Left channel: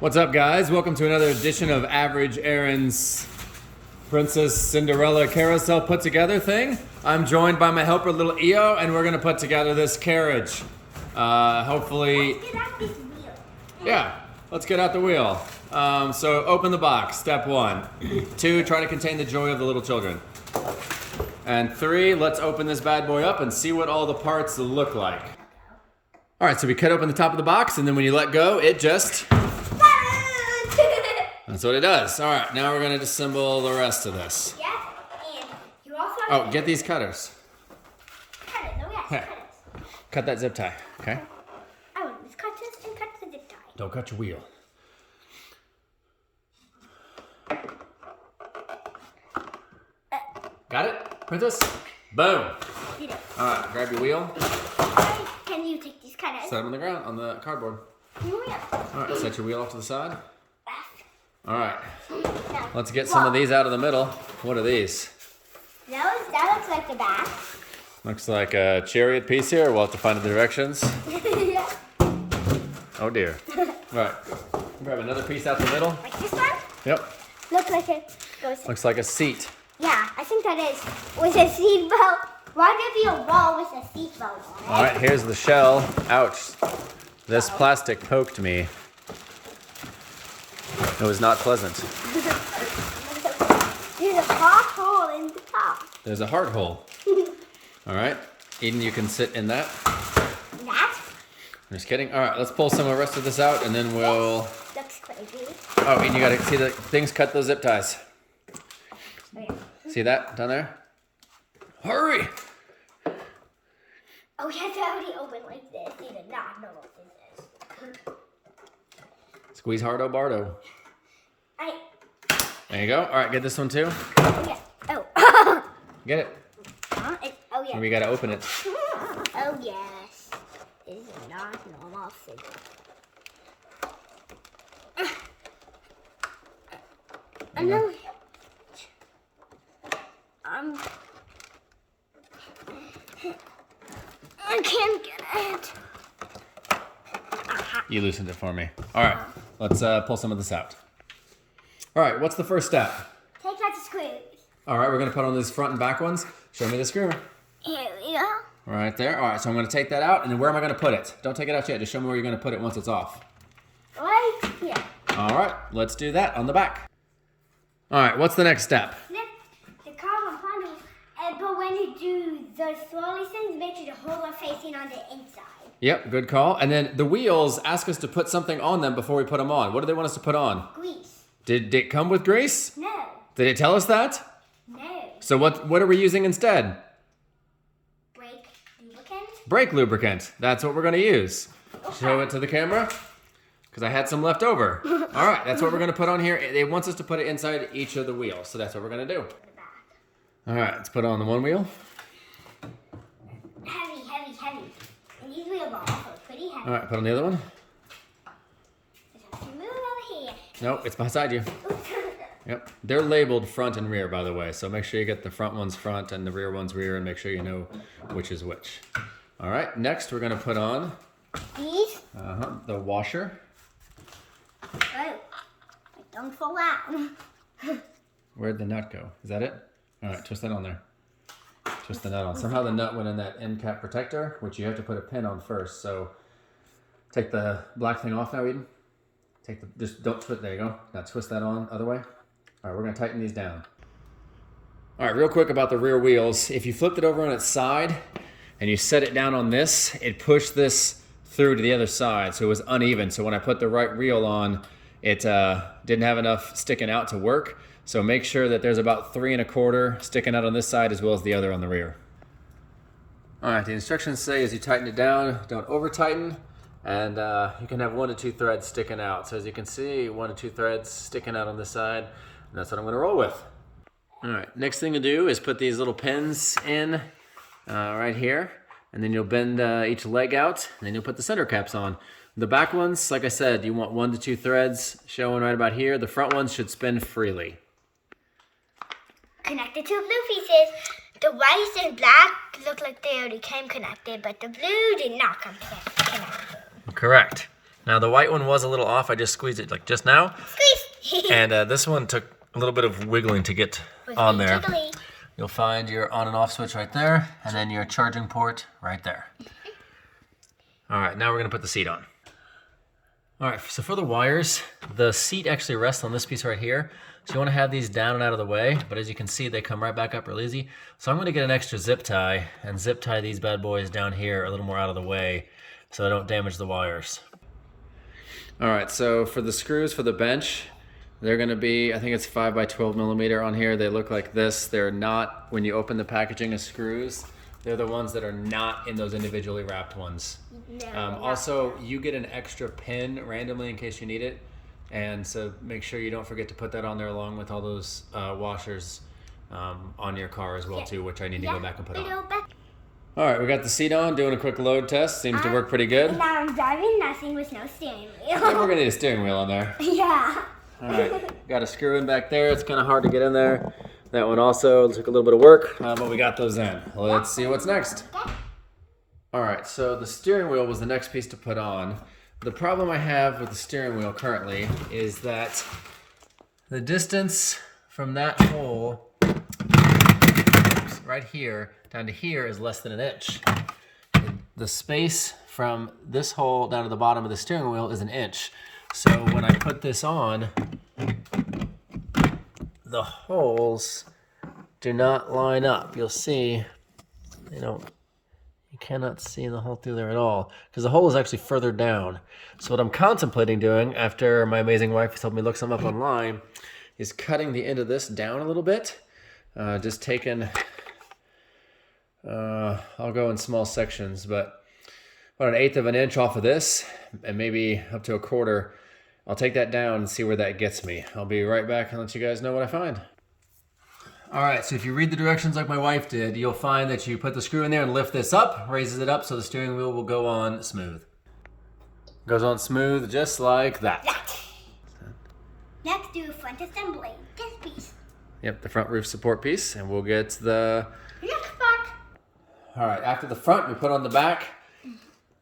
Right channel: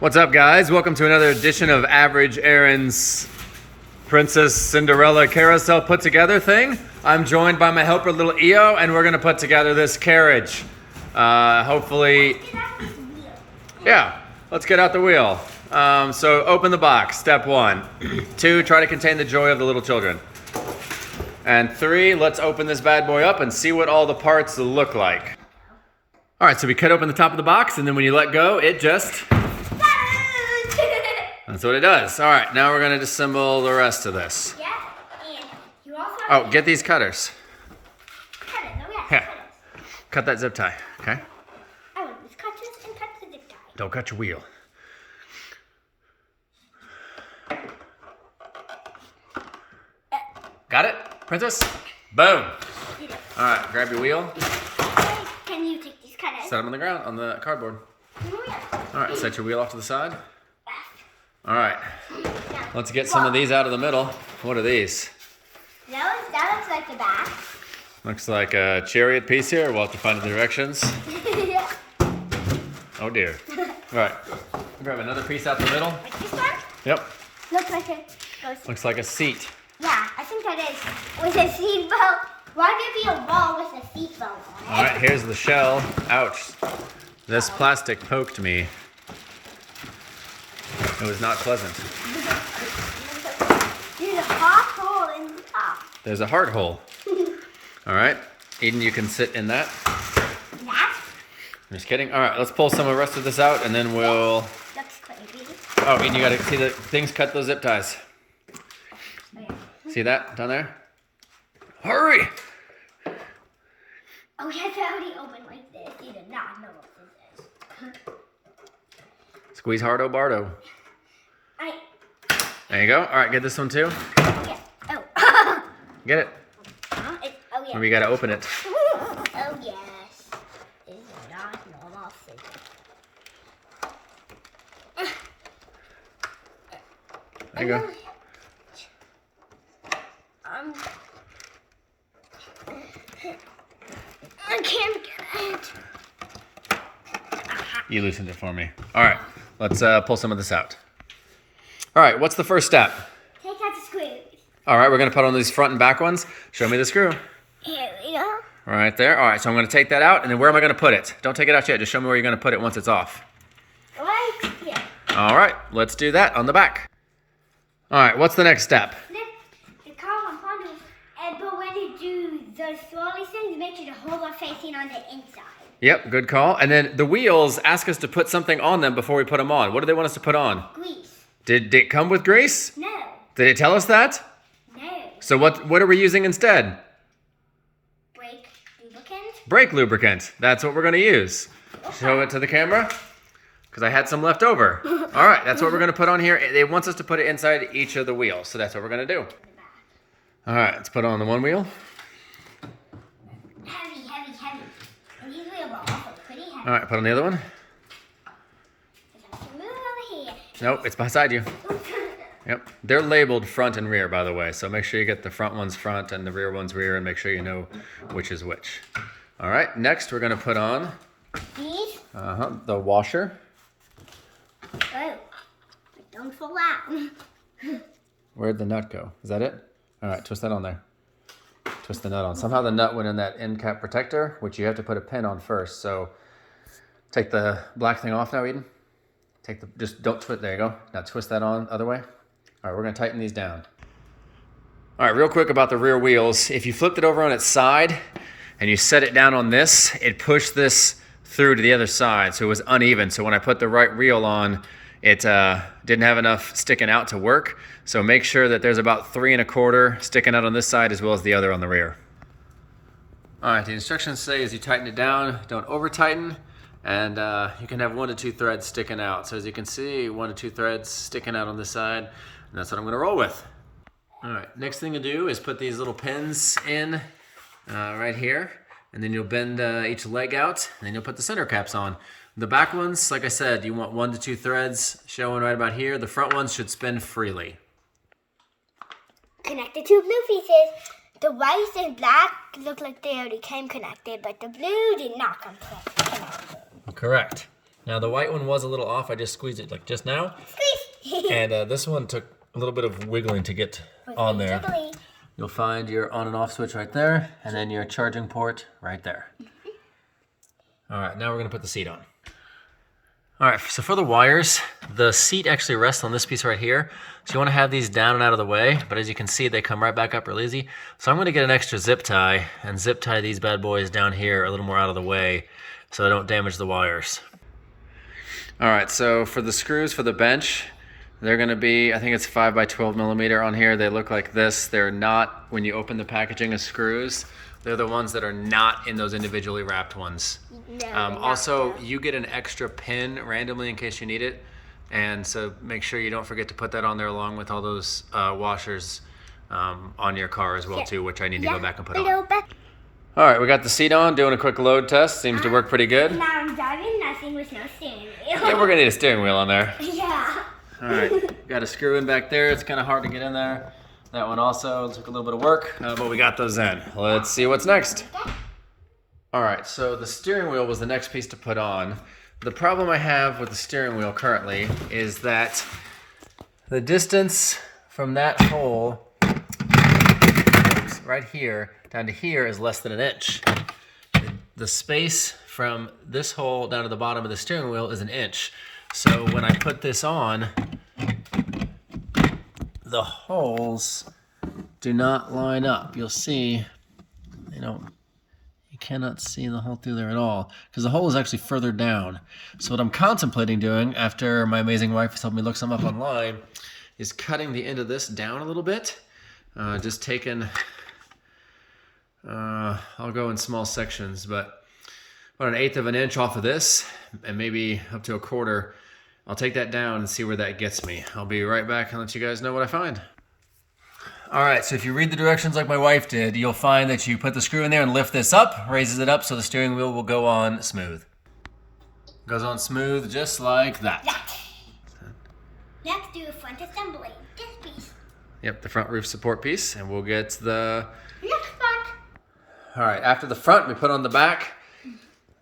What's up, guys? Welcome to another edition of Average Aaron's Princess Cinderella carousel put together thing. I'm joined by my helper, little EO, and we're gonna put together this carriage. Hopefully, yeah, let's get out the wheel. So open the box, step 1. 2, try to contain the joy of the little children. And 3, let's open this bad boy up and see what all the parts look like. All right, so we cut open the top of the box, and then when you let go, it just... That's what it does. All right, now we're gonna disassemble the rest of this. Yeah, and you also Oh, get these cutters. cut it. No, yeah, Yeah. cut it. Cut that zip tie, okay? I want these cutters and cut the zip tie. Don't cut your wheel. Got it, princess? Boom. All right, grab your wheel. Can you take these cutters? Set them on the ground, on the cardboard. Oh, yeah. All right, set your wheel off to the side. All right, No. let's get some of these out of the middle. What are these? That looks like the back. Looks like a chariot piece here. We'll have to find the directions. Yeah. Oh dear. All right, grab another piece out the middle. Like this one? Yep, Looks like it goes. looks like a seat. Yeah, I think that is. With a seat belt. Why would there be a wall with a seat belt on it? All right, here's the shell. Ouch. This plastic poked me. It was not pleasant. There's a hot hole in the top. There's a heart hole. All right, Eden, you can sit in that. That I'm just kidding. All right, let's pull some of the rest of this out and then we'll... looks crazy. Oh, Eden, you gotta see the things cut those zip ties. Okay. See that down there? Hurry! Oh, you have to already open like this. You did not know what this is. Squeeze hardo bardo. There you go. All right, get this one too. Yeah. Oh. Get it. Oh, yeah. Or we gotta open it. Oh, yes. This is not normal scissors. There you go. I can't get it. You loosened it for me. All right, let's pull some of this out. All right, what's the first step? Take out the screws. All right, we're gonna put on these front and back ones. Show me the screw. Here we go. Right there. All right, so I'm gonna take that out, and then where am I gonna put it? Don't take it out yet, just show me where you're gonna put it once it's off. Right here. All right, let's do that on the back. All right, what's the next step? The carbon panel. But when you do the swirly things, make sure the holes are facing on the inside. Yep, good call. And then the wheels ask us to put something on them before we put them on. What do they want us to put on? Grease. Did it come with grease? No. Did it tell us that? No. So what are we using instead? Brake lubricant. Brake lubricant. That's what we're gonna use. Show it to the camera, because I had some left over. All right, that's what we're gonna put on here. It wants us to put it inside each of the wheels, so that's what we're gonna do. All right, let's put it on the one wheel. Heavy, heavy, heavy. And these wheels are also pretty heavy. All right, put on the other one. Just have to move over here. Nope, it's beside you. Oops. Yep, they're labeled front and rear, by the way, so make sure you get the front ones front and the rear ones rear, and make sure you know which is which. All right, next we're gonna put on These. the washer. Oh, don't fall out. Where'd the nut go? Is that it? All right, twist that on there. Twist the nut on. Somehow the nut went in that end cap protector, which you have to put a pin on first. So take the black thing off now, Eden. Just don't twist, there you go. Now twist that on, other way. All right, we're gonna tighten these down. All right, real quick about the rear wheels. If you flipped it over on its side and you set it down on this, it pushed this through to the other side, so it was uneven. So when I put the right wheel on, it didn't have enough sticking out to work. So make sure that there's about 3 1/4 sticking out on this side as well as the other on the rear. All right, the instructions say as you tighten it down, don't over tighten, and you can have 1 to 2 threads sticking out. So as you can see, 1 to 2 threads sticking out on this side, and that's what I'm gonna roll with. All right, next thing to do is put these little pins in right here, and then you'll bend each leg out, and then you'll put the center caps on. The back ones, like I said, you want 1 to 2 threads showing right about here. The front ones should spin freely. Connect the 2 blue pieces. The white and black look like they already came connected, but the blue did not come connected. Correct. Now the white one was a little off. I just squeezed it like just now. Squeeze! And this one took a little bit of wiggling to get on there. Jiggly. You'll find your on and off switch right there, and then your charging port right there. All right, now we're gonna put the seat on. All right, so for the wires, the seat actually rests on this piece right here. So you wanna have these down and out of the way, but as you can see, they come right back up real easy. So I'm gonna get an extra zip tie and zip tie these bad boys down here a little more out of the way so they don't damage the wires. All right, so for the screws for the bench, they're gonna be, I think it's 5 by 12 millimeter on here. They look like this. They're not, when you open the packaging of screws, they're the ones that are not in those individually wrapped ones. Also, you get an extra pin randomly in case you need it. And so make sure you don't forget to put that on there along with all those washers on your car as well too, which I need to go back and put on. All right, we got the seat on, doing a quick load test. Seems to work pretty good. Now I'm driving nothing with no steering wheel. Yeah, we're gonna need a steering wheel on there. Yeah. All right, got a screw in back there. It's kind of hard to get in there. That one also took a little bit of work, but we got those in. Let's see what's next. All right, so the steering wheel was the next piece to put on. The problem I have with the steering wheel currently is that the distance from that hole, right here, down to here is less than an inch. The space from this hole down to the bottom of the steering wheel is an inch. So when I put this on, the holes do not line up. You'll see, you cannot see the hole through there at all because the hole is actually further down. So what I'm contemplating doing after my amazing wife has helped me look some up online is cutting the end of this down a little bit. Just taking, I'll go in small sections, but about 1/8 of an inch off of this and maybe up to 1/4. I'll take that down and see where that gets me. I'll be right back and let you guys know what I find. All right, so if you read the directions like my wife did, you'll find that you put the screw in there and lift this up, raises it up so the steering wheel will go on smooth. Goes on smooth just like that. Let's do front assembly. This piece. Yep, the front roof support piece, and we'll get the... Next part. All right, after the front, we put on the back.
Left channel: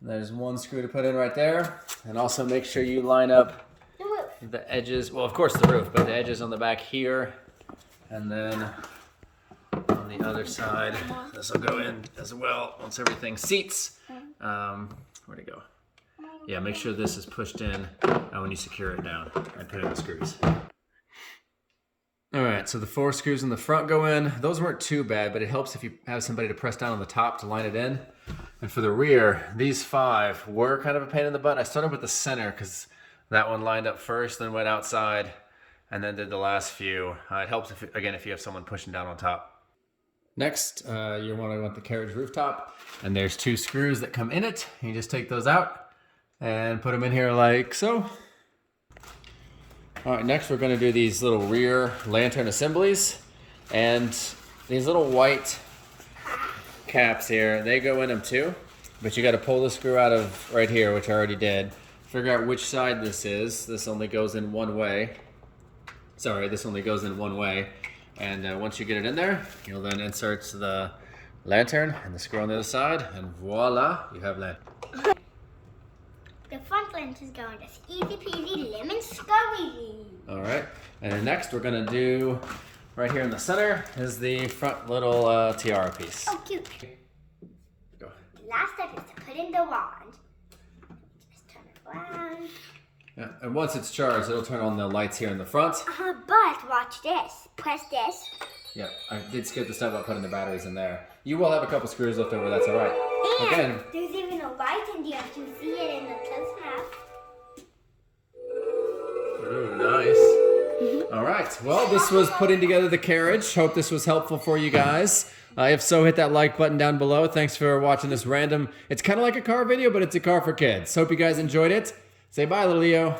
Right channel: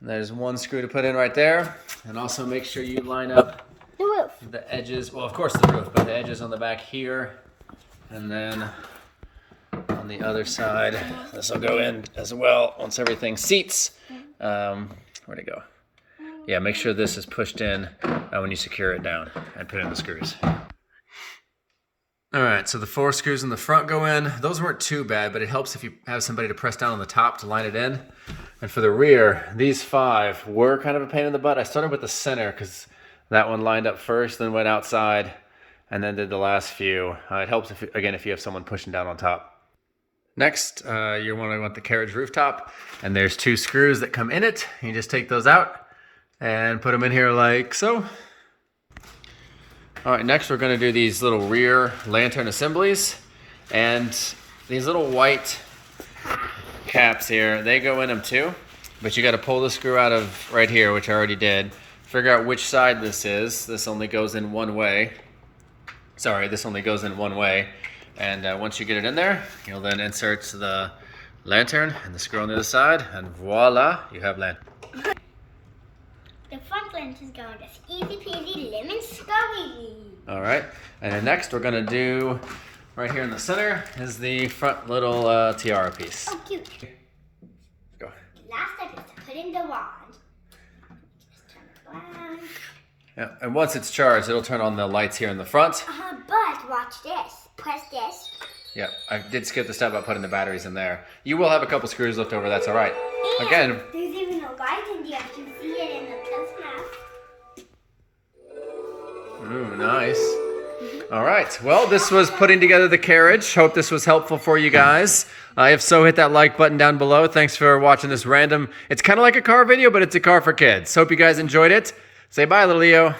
There's one screw to put in right there. And also make sure you line up The roof. the edges, well, of course the roof, but the edges on the back here. And then on the other side, this will go in as well once everything seats. Where'd it go? Yeah, make sure this is pushed in when you secure it down and put in the screws. All right, so the 4 screws in the front go in. Those weren't too bad, but it helps if you have somebody to press down on the top to line it in. And for the rear, these 5 were kind of a pain in the butt. I started with the center because that one lined up first, then went outside, and then did the last few. It helps, if you have someone pushing down on top. Next, you want the carriage rooftop, and there's 2 screws that come in it. You just take those out and put them in here like so. All right, next we're gonna do these little rear lantern assemblies, and these little white caps here, they go in them too, but you got to pull the screw out of right here, which I already did. Figure out which side this is. This only goes in one way. Sorry, this only goes in one way. And once you get it in there, you'll then insert the lantern and the screw on the other side, and voila, you have lantern. The front lens is going just easy peasy lemon squeezy. All right, and then next we're gonna do, right here in the center, is the front little tiara piece. Oh, cute. Go. The last step is to put in the wand. Just turn it around. Yeah, and once it's charged, it'll turn on the lights here in the front. But watch this. Press this. Yeah, I did skip the step about putting the batteries in there. You will have a couple screws left over, that's all right. And Again, there's even a light in there. You can see it in the close-up. ooh, nice. All right, well, this was putting together the carriage. Hope this was helpful for you guys. If so, hit that like button down below. Thanks for watching this random, it's kind of like a car video, but it's a car for kids. Hope you guys enjoyed it. Say bye, little Leo.